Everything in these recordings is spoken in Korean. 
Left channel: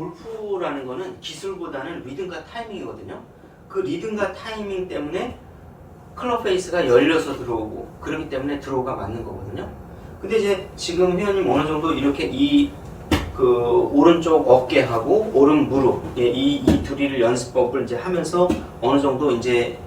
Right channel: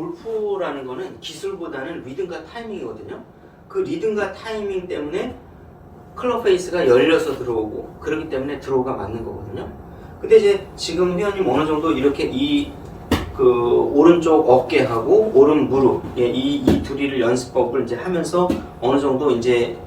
골프라는 거는 기술보다는 리듬과 타이밍이거든요. 그 리듬과 타이밍 때문에 클럽 페이스가 열려서 들어오고 그렇기 때문에 드로우가 맞는 거거든요. 근데 이제 지금 회원님 어느 정도 이렇게 그 오른쪽 어깨하고 오른 무릎 이 둘이를 연습법을 이제 하면서 어느 정도 이제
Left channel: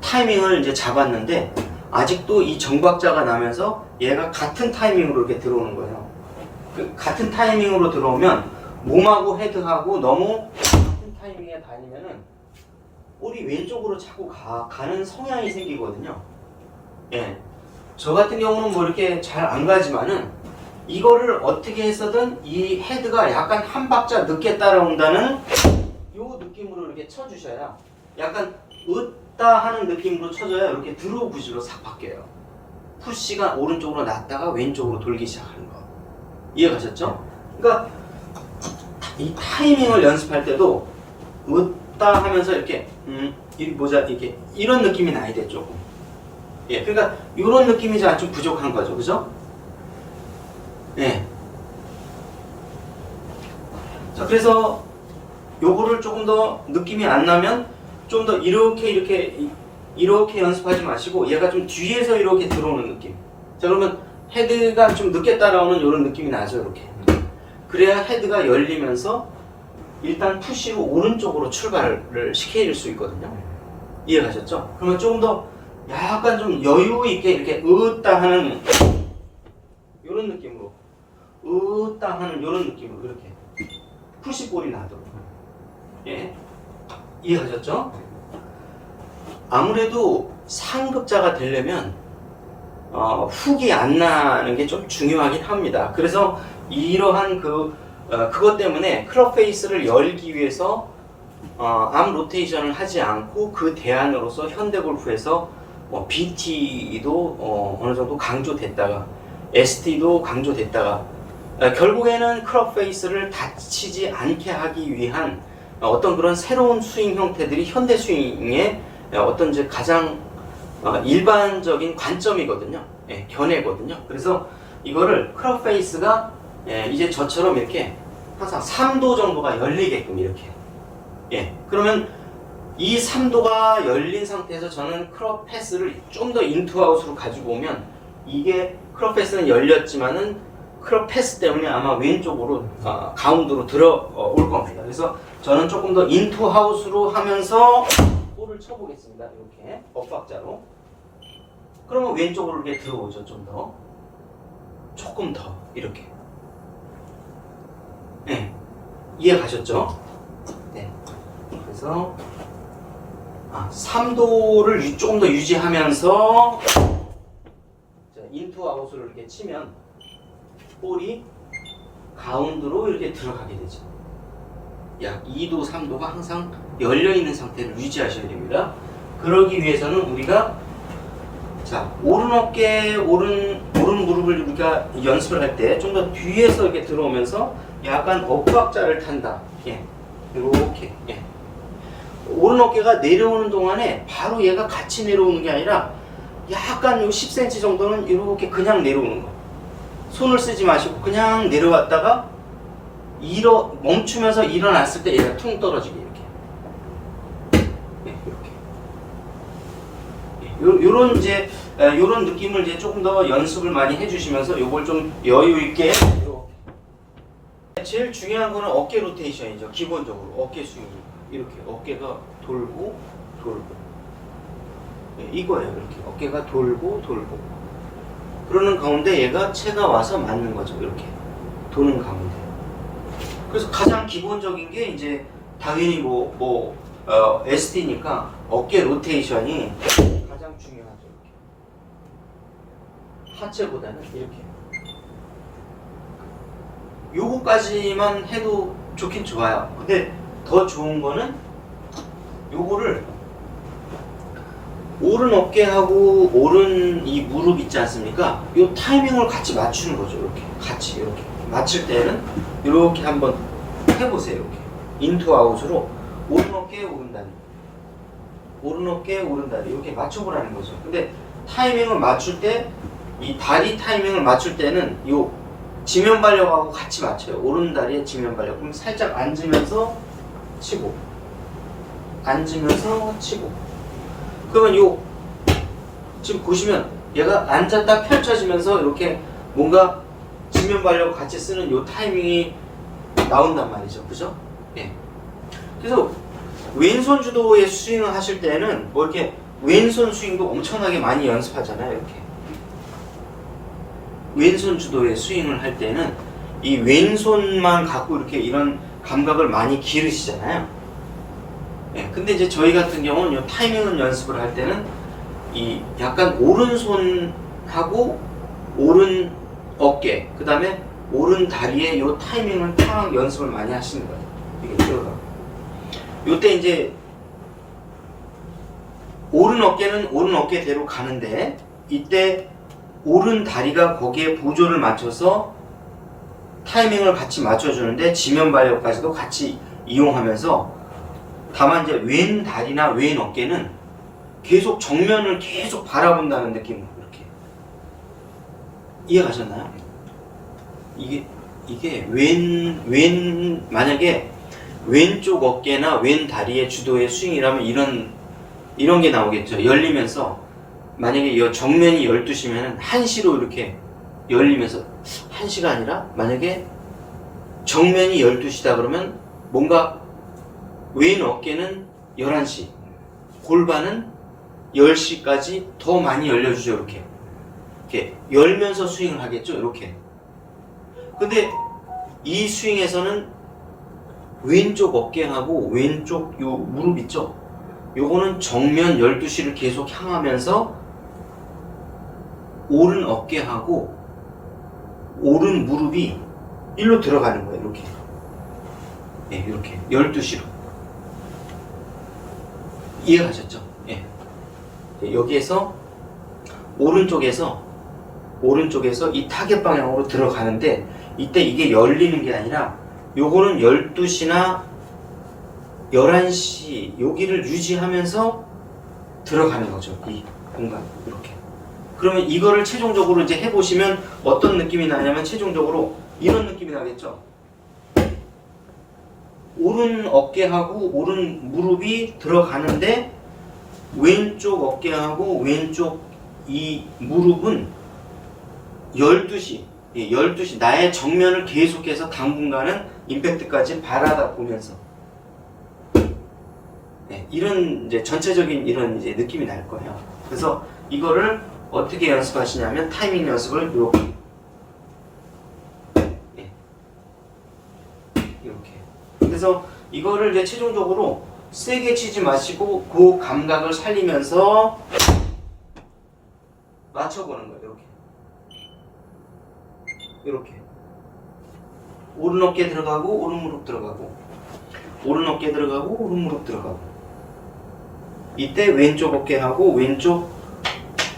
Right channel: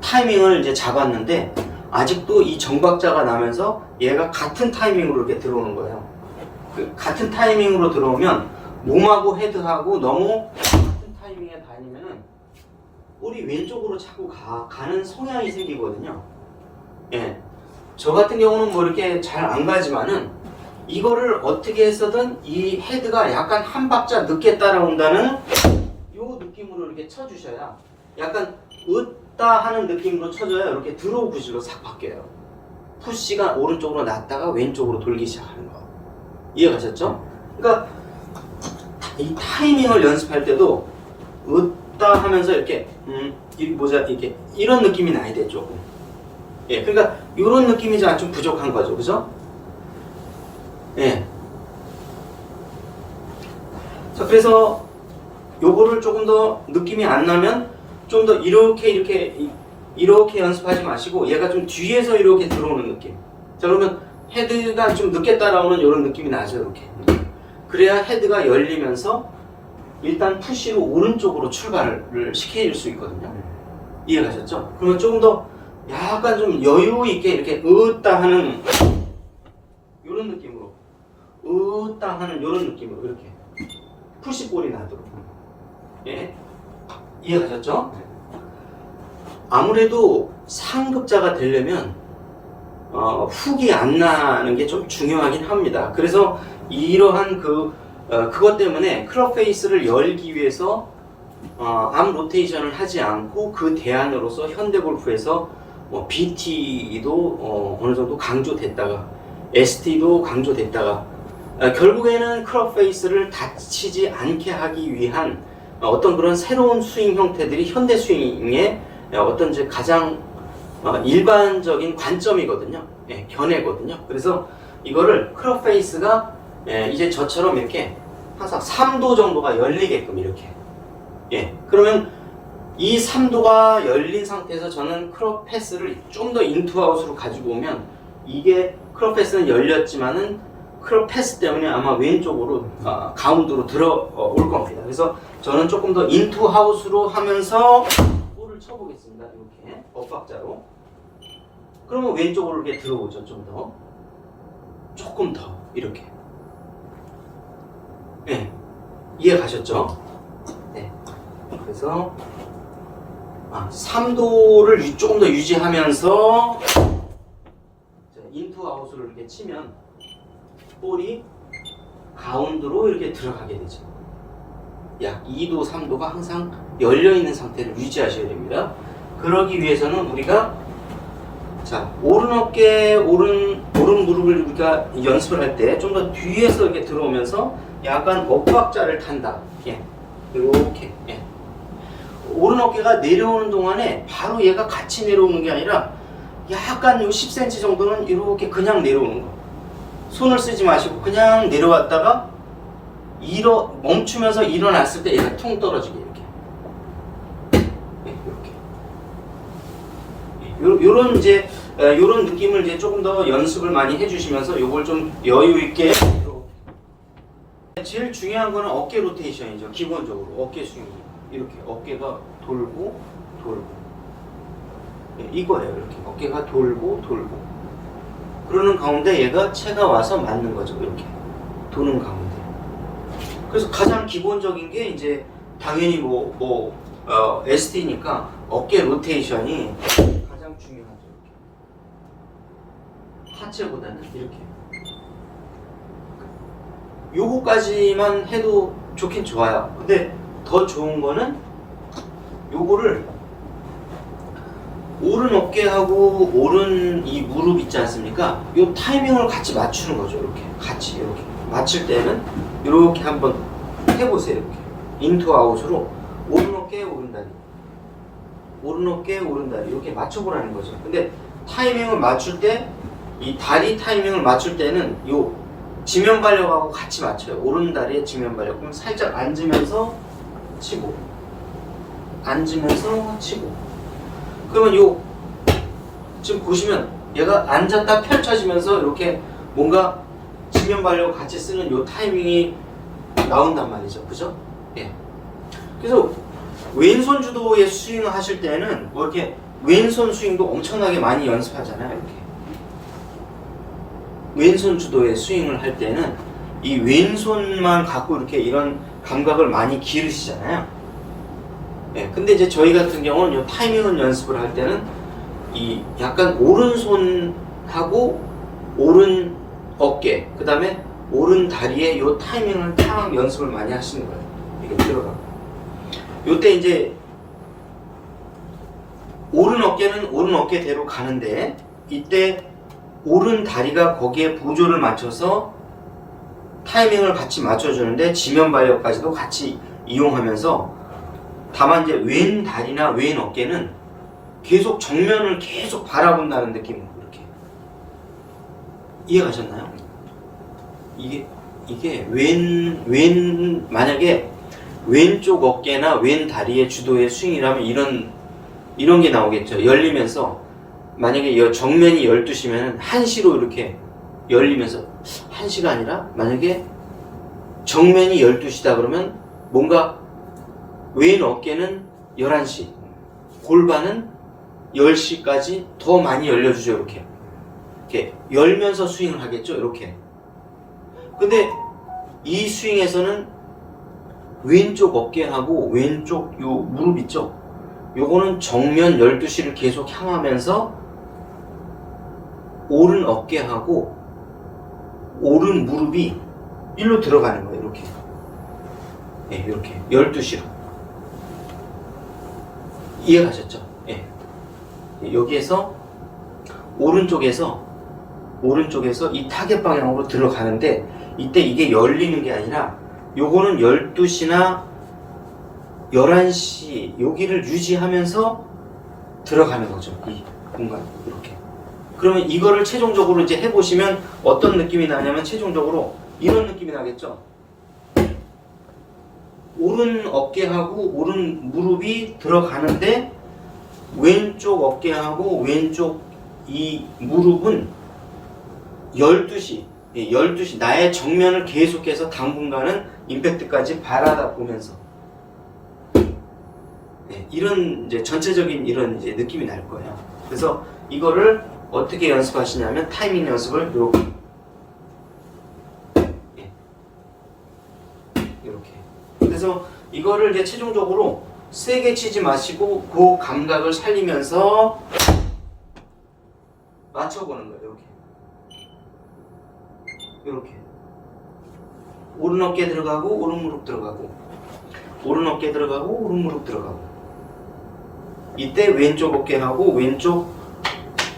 타이밍을 이제 잡았는데 아직도 이 정박자가 나면서 얘가 같은 타이밍으로 이렇게 들어오는 거예요. 그 같은 타이밍으로 들어오면 몸하고 헤드하고 너무 같은 타이밍에 다니면은 볼이 왼쪽으로 자꾸 가는 성향이 생기거든요. 예. 저 같은 경우는 뭐 이렇게 잘 안 가지만은 이거를 어떻게 해서든 이 헤드가 약간 한 박자 늦게 따라온다는 요 느낌으로 이렇게 쳐주셔야 약간 으따 하는 느낌으로 쳐줘야 이렇게 드로우 구질로 싹 바뀌어요. 푸시가 오른쪽으로 났다가 왼쪽으로 돌기 시작하는 거. 이해가셨죠? 그러니까 이 타이밍을 연습할 때도 으따 하면서 이렇게 이렇게 이런 느낌이 나야 돼 조금. 예, 그러니까 이런 느낌이 좀 부족한 거죠, 그죠? 예. 자, 그래서 요거를 조금 더 느낌이 안 나면 좀 더 이렇게 연습하지 마시고 얘가 좀 뒤에서 이렇게 들어오는 느낌. 자, 그러면 헤드가 좀 늦게 따라오는 이런 느낌이 나죠, 이렇게. 그래야 헤드가 열리면서 일단 푸시로 오른쪽으로 출발을 시켜줄 수 있거든요. 이해가셨죠? 그러면 조금 더 약간 좀 여유 있게 이렇게 으따 하는 이런 느낌으로 으따 하는 이런 느낌으로 이렇게 푸시볼이 나도록. 예, 이해가셨죠? 아무래도 상급자가 되려면 훅이 안 나는 게 좀 중요하긴 합니다. 그래서 이러한 그것 때문에 클럽 페이스를 열기 위해서 암 로테이션을 하지 않고 그 대안으로서 현대골프에서 BT도 어느 정도 강조됐다가 ST도 강조됐다가 결국에는 클럽 페이스를 다치지 않게 하기 위한 어떤 그런 새로운 스윙 형태들이 현대 스윙의 어떤 이제 가장 일반적인 관점이거든요. 예, 견해거든요. 그래서 이거를 클럽 페이스가 이제 저처럼 이렇게 항상 3도 정도가 열리게끔 이렇게. 예, 그러면 이 3도가 열린 상태에서 저는 클럽 패스를 좀 더 인투아웃으로 가지고 오면 이게 클럽 패스는 열렸지만은 클럽 패스 때문에 아마 왼쪽으로 가운데로 들어올 겁니다. 그래서 저는 조금 더 인투아웃으로 하면서 볼을 쳐보겠습니다. 이렇게 엇박자로. 그러면 왼쪽으로 이렇게 들어오죠. 좀 더. 조금 더 이렇게. 네, 이해 가셨죠? 네. 그래서 3도를 조금 더 유지하면서 인투 아웃을 이렇게 치면 볼이 가운데로 이렇게 들어가게 되죠. 약 2도, 3도가 항상 열려있는 상태를 유지하셔야 됩니다. 그러기 위해서는 우리가 오른 어깨, 오른 무릎을 우리가 연습을 할 때 좀 더 뒤에서 이렇게 들어오면서 약간 엇박자를 탄다. 예. 이렇게. 예. 오른 어깨가 내려오는 동안에 바로 얘가 같이 내려오는 게 아니라 약간 요 10cm 정도는 이렇게 그냥 내려오는 거. 손을 쓰지 마시고 그냥 내려왔다가 멈추면서 일어났을 때 얘가 퉁 떨어지게 이렇게. 예, 이렇게. 요런 이제 요런 느낌을 이제 조금 더 연습을 많이 해주시면서 요걸 좀 여유 있게. 제일 중요한 거는 어깨 로테이션이죠. 기본적으로 어깨 스윙이 이렇게 어깨가 돌고 이거예요. 이렇게 어깨가 돌고 그러는 가운데 얘가 채가 와서 맞는 거죠. 이렇게 도는 가운데. 그래서 가장 기본적인 게 이제 당연히 ST니까 어깨 로테이션이 가장 중요하죠. 이렇게. 하체보다는 이렇게. 요거까지만 해도 좋긴 좋아요. 근데 더 좋은 거는 요거를 오른 어깨하고 오른 이 무릎 있지 않습니까? 요 타이밍을 같이 맞추는 거죠. 이렇게 같이 이렇게 맞출 때는 이렇게 한번 해보세요. 이렇게 인투 아웃으로 오른 어깨 오른 다리, 오른 어깨 오른 다리 이렇게 맞춰보라는 거죠. 근데 타이밍을 맞출 때 이 다리 타이밍을 맞출 때는 요 지면 발력하고 같이 맞춰요. 오른다리에 지면 발력. 그럼 살짝 앉으면서 치고, 앉으면서 치고. 그러면 요 지금 보시면 얘가 앉았다 펼쳐지면서 이렇게 뭔가 지면 발력 같이 쓰는 요 타이밍이 나온단 말이죠. 그죠? 예. 그래서 왼손 주도의 스윙을 하실 때는 뭐 이렇게 왼손 스윙도 엄청나게 많이 연습하잖아요. 이렇게 왼손 주도의 스윙을 할 때는 이 왼손만 갖고 이렇게 이런 감각을 많이 기르시잖아요. 예. 근데 이제 저희 같은 경우는 요 타이밍을 연습을 할 때는 이 약간 오른손하고 오른 어깨, 그 다음에 오른 다리에 요 타이밍을 딱 연습을 많이 하시는 거예요. 이게 들어가고. 요때 이제 오른 어깨는 오른 어깨대로 가는데 이때 오른 다리가 거기에 보조를 맞춰서 타이밍을 같이 맞춰주는데 지면 발력까지도 같이 이용하면서 다만 이제 왼 다리나 왼 어깨는 계속 정면을 계속 바라본다는 느낌으로 이렇게 이해가셨나요? 이게 만약에 왼쪽 어깨나 왼 다리의 주도의 스윙이라면 이런 게 나오겠죠. 열리면서 만약에 이 정면이 12시면 1시로 이렇게 열리면서 1시가 아니라 만약에 정면이 12시다 그러면 뭔가 왼 어깨는 11시, 골반은 10시까지 더 많이 열려주죠. 이렇게 열면서 스윙을 하겠죠. 이렇게. 근데 이 스윙에서는 왼쪽 어깨하고 왼쪽 요 무릎 있죠. 요거는 정면 12시를 계속 향하면서 오른 어깨하고 오른 무릎이 일로 들어가는 거예요. 이렇게. 예, 이렇게 12시로. 이해가셨죠? 예. 여기에서 오른쪽에서 이 타겟 방향으로 들어가는데 이때 이게 열리는 게 아니라 요거는 12시나 11시 여기를 유지하면서 들어가는 거죠. 이 공간 이렇게. 그러면 이거를 최종적으로 이제 해보시면 어떤 느낌이 나냐면 최종적으로 이런 느낌이 나겠죠. 오른 어깨하고 오른 무릎이 들어가는데 왼쪽 어깨하고 왼쪽 이 무릎은 12시 나의 정면을 계속해서 당분간은 임팩트까지 바라다 보면서 이런 이제 전체적인 이런 이제 느낌이 날 거예요. 그래서 이거를 어떻게 연습하시냐면 타이밍 연습을 이렇게. 그래서 이거를 이제 최종적으로 세게 치지 마시고 그 감각을 살리면서 맞춰보는 거예요. 이렇게 오른 어깨 들어가고 오른 무릎 들어가고 오른 어깨 들어가고 오른 무릎 들어가고 이때 왼쪽 어깨하고 왼쪽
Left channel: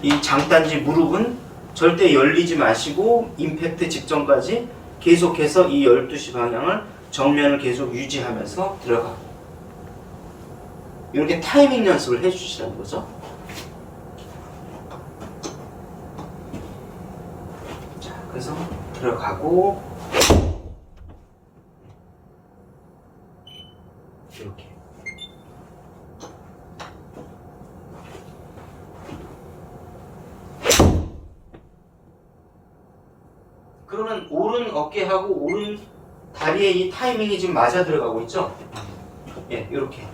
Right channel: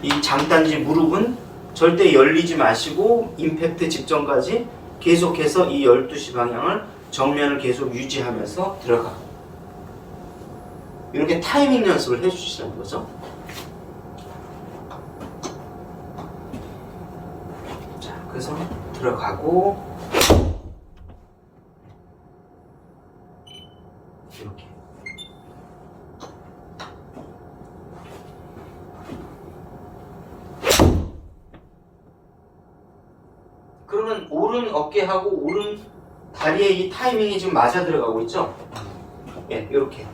이 장단지 무릎은 절대 열리지 마시고 임팩트 직전까지 계속해서 이 12시 방향을 정면을 계속 유지하면서 들어가고 이렇게 타이밍 연습을 해주시는 거죠. 자, 그래서 들어가고 이렇게 그러면 오른 어깨하고 오른 다리에 이 타이밍이 지금 맞아 들어가고 있죠? 예, 이렇게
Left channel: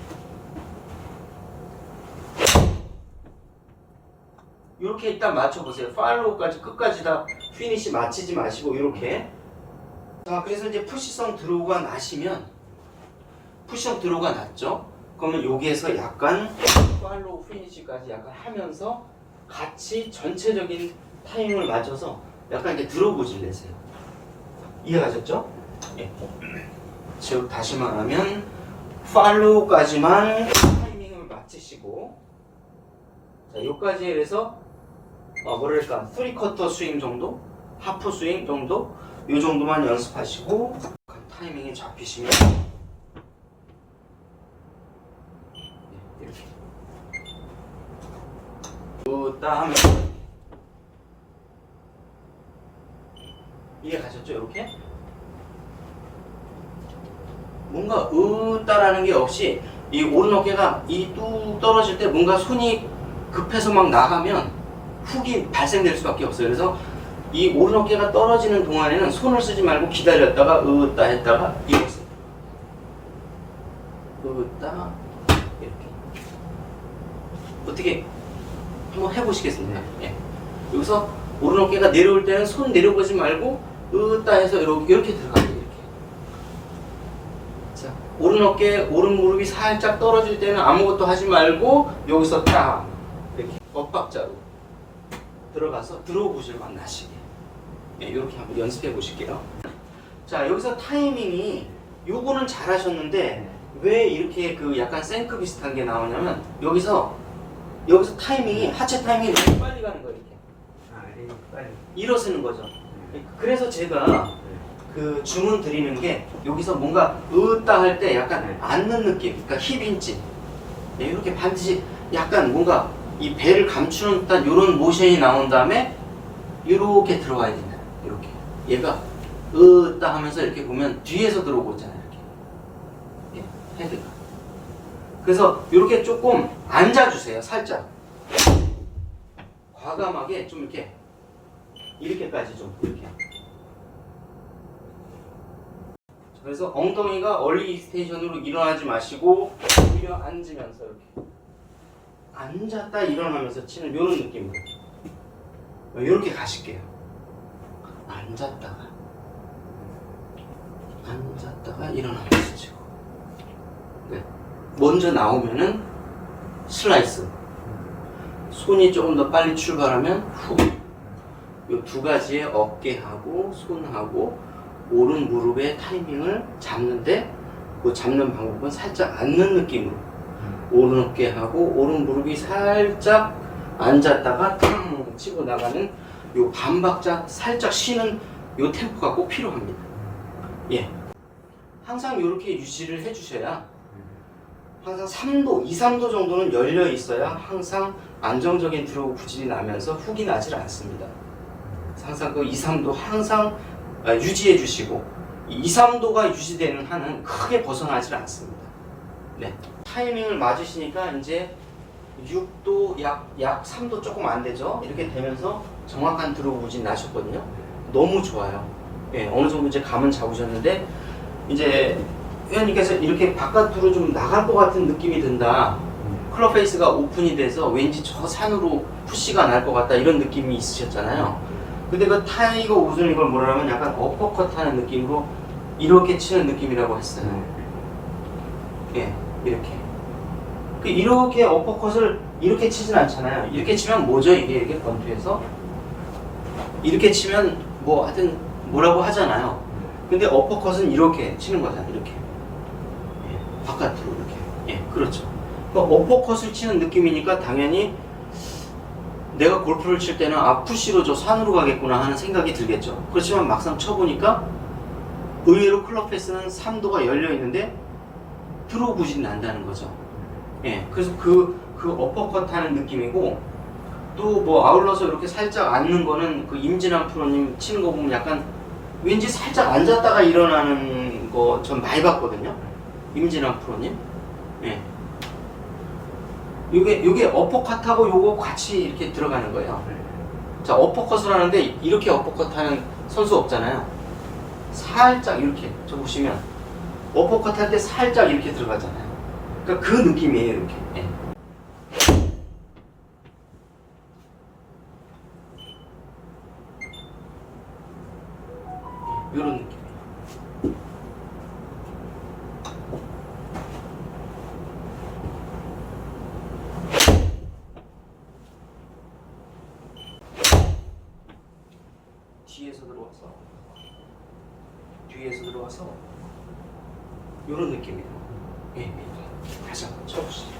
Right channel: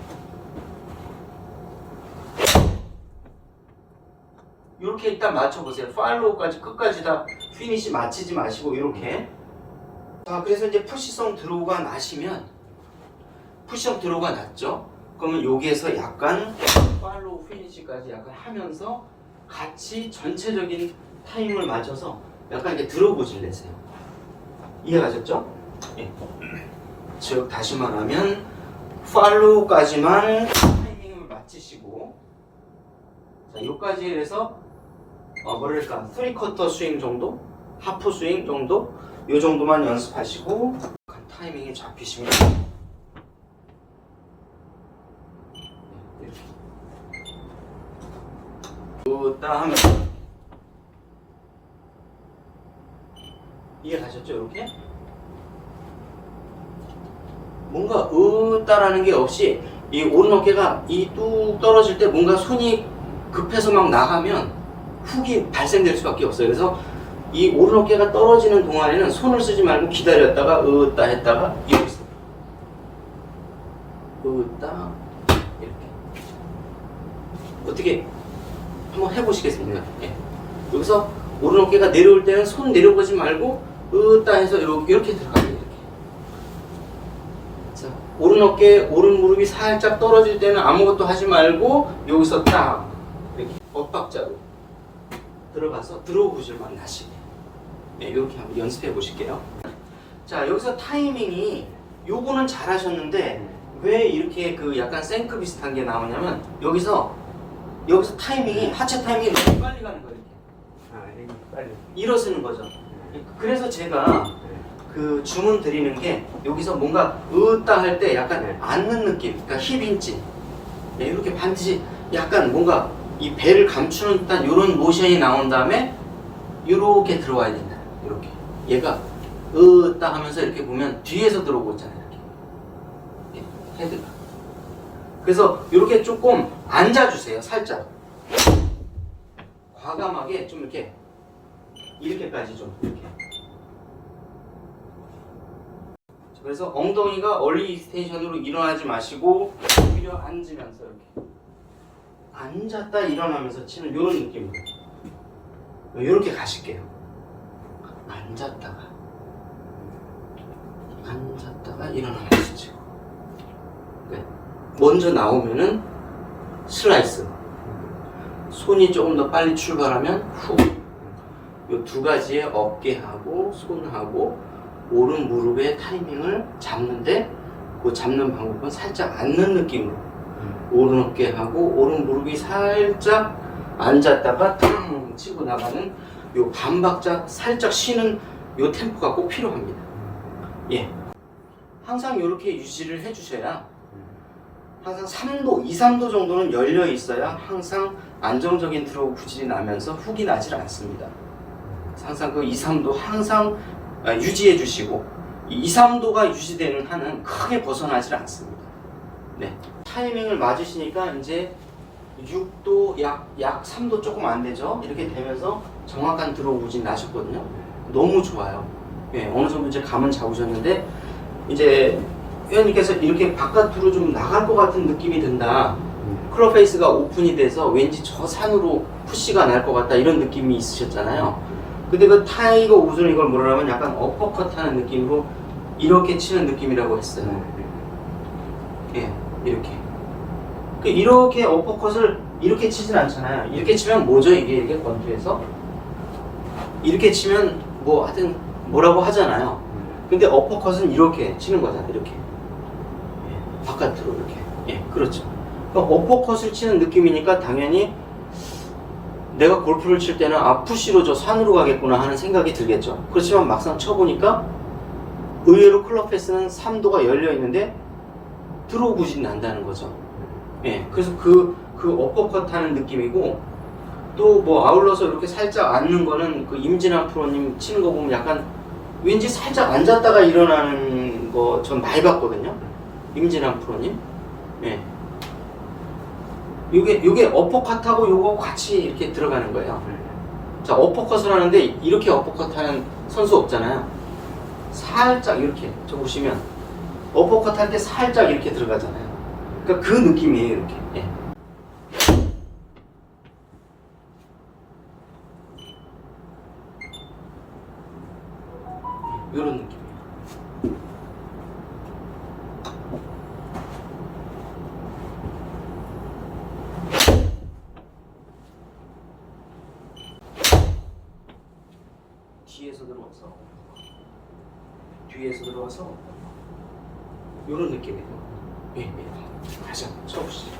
이렇게 일단 맞춰보세요. 팔로우까지 끝까지 다 피니시 맞히지 마시고 이렇게. 자, 그래서 이제 푸시성 드로우가 나시면 푸시성 드로우가 났죠? 그러면 여기에서 약간 팔로우 피니시까지 약간 하면서 같이 전체적인 타이밍을 맞춰서 약간 이렇게 드로우질 내세요. 이해가셨죠? 예. 즉 다시 말하면 팔로우까지만 타이밍을 맞추시고 자, 요까지 해서 뭐랄까 3쿼터 스윙 정도? 하프 스윙 정도? 요 정도만 연습하시고 타이밍이 잡히시면 이렇게 딱 하면 이해가셨죠? 아셨죠? 이렇게 뭔가 으따라는 게 없이 이 오른 어깨가 이 뚝 떨어질 때 뭔가 손이 급해서 막 나가면 훅이 발생될 수밖에 없어요. 그래서 이 오른 어깨가 떨어지는 동안에는 손을 쓰지 말고 기다렸다가 으따 했다가 이렇게 써요. 으따 이렇게. 어떻게 한번 해보시겠습니까? 예. 여기서 오른 어깨가 내려올 때는 손 내려보지 말고 으따 해서 이렇게 들어가요. 이렇게. 자, 오른 어깨, 오른 무릎이 살짝 떨어질 때는 아무것도 하지 말고 여기서 딱 이렇게 엇박자로 들어가서 드로우굿을 막 나시게. 네, 이렇게 한번 연습해 보실게요. 자, 여기서 타이밍이 요거는 잘 하셨는데 왜 이렇게 그 약간 생크 비슷한 게 나오냐면 여기서 타이밍이 하체 타이밍이 이렇게 빨리 가는 거예요. 이렇게. 일어서는 거죠. 그래서 제가 그 주문 드리는 게 여기서 뭔가 으따 할 때 약간 앉는 느낌, 그러니까 힙인치. 네, 이렇게 반드시 약간 뭔가 이 배를 감추는 듯한 이런 모션이 나온 다음에 이렇게 들어와야 된다. 이렇게. 얘가 으따 하면서 이렇게 보면 뒤에서 들어오고 있잖아요. 이렇게. 예, 헤드가. 그래서 이렇게 조금 앉아주세요. 살짝. 과감하게 좀 이렇게까지 좀 이렇게. 그래서 엉덩이가 얼리 스테이션으로 일어나지 마시고 오히려 앉으면서 이렇게 앉았다 일어나면서 치는 이런 느낌으로 이렇게 가실게요. 앉았다가 일어나면서 치고. 네. 먼저 나오면은 슬라이스. 손이 조금 더 빨리 출발하면 후. 이 두 가지의 어깨하고 손하고 오른 무릎의 타이밍을 잡는데 그 잡는 방법은 살짝 앉는 느낌으로 오른 어깨하고 오른 무릎이 살짝 앉았다가 탕 치고 나가는 요 반박자 살짝 쉬는 요 템포가 꼭 필요합니다. 예. 항상 이렇게 유지를 해주셔야 항상 3도, 2, 3도 정도는 열려 있어야 항상 안정적인 드로우 구질이 나면서 훅이 나질 않습니다. 항상 그 2, 3도 항상 유지해 주시고 2, 3도가 유지되는 한은 크게 벗어나질 않습니다. 네. 타이밍을 맞으시니까 이제 6도 약 3도 조금 안 되죠. 이렇게 되면서 정확한 드로우 구질 나셨거든요. 너무 좋아요. 네, 어느 정도 이제 감은 잡으셨는데 이제 회원님께서 이렇게 바깥으로 좀 나갈 것 같은 느낌이 든다. 클럽 페이스가 오픈이 돼서 왠지 저 산으로 푸시가 날 것 같다 이런 느낌이 있으셨잖아요. 근데 그 타이거 우즈는 이걸 뭐라 하면 약간 어퍼컷 하는 느낌으로 이렇게 치는 느낌이라고 했어요. 예, 이렇게. 이렇게 어퍼컷을 이렇게 치진 않잖아요. 이렇게 치면 뭐죠? 이게 이렇게 권투에서 이렇게 치면 뭐 하여튼 뭐라고 하잖아요. 근데 어퍼컷은 이렇게 치는 거잖아요. 이렇게. 예, 바깥으로 이렇게. 예, 그렇죠. 그러니까 어퍼컷을 치는 느낌이니까 당연히 내가 골프를 칠 때는 푸시로 저 산으로 가겠구나 하는 생각이 들겠죠. 그렇지만 막상 쳐보니까 의외로 클럽 페이스는 3도가 열려 있는데 드로우 구질이 난다는 거죠. 예, 그래서 그 어퍼컷 하는 느낌이고 또 뭐 아울러서 이렇게 살짝 앉는 거는 그 임진환 프로님 치는 거 보면 약간 왠지 살짝 앉았다가 일어나는 거 전 많이 봤거든요. 임진환 프로님. 예. 요게 어퍼컷하고 요거 같이 이렇게 들어가는 거예요. 자, 어퍼컷을 하는데 이렇게 어퍼컷 하는 선수 없잖아요. 살짝 이렇게 저 보시면 어퍼컷 할 때 살짝 이렇게 들어가잖아요. 그러니까 그 느낌이에요. 이렇게. 예. 요런 느낌이에요. 뒤에서 들어와서 요런 느낌이에요. 예, 예. 다시 한번 쳐보시죠.